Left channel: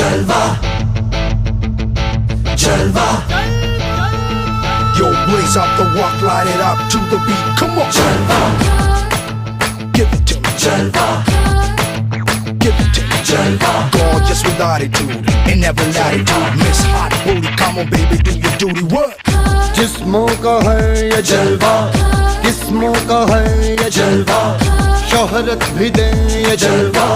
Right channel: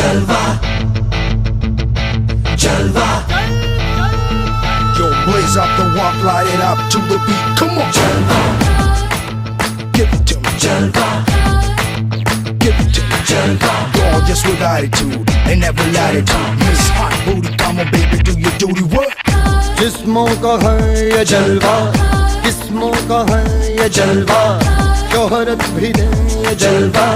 जलवा जलवा Yo, blaze up the walk, light it up to the beat. Come on, जलवा give it to me, जलवा give it to me. जलवा Gorgeous with attitude in every latitude. Miss Hot Booty, come on, baby, do your duty. What? जिस्मों का है ये जलवा, किस्मों का है ये जलवा, शोहरत भी दे ये जलवा,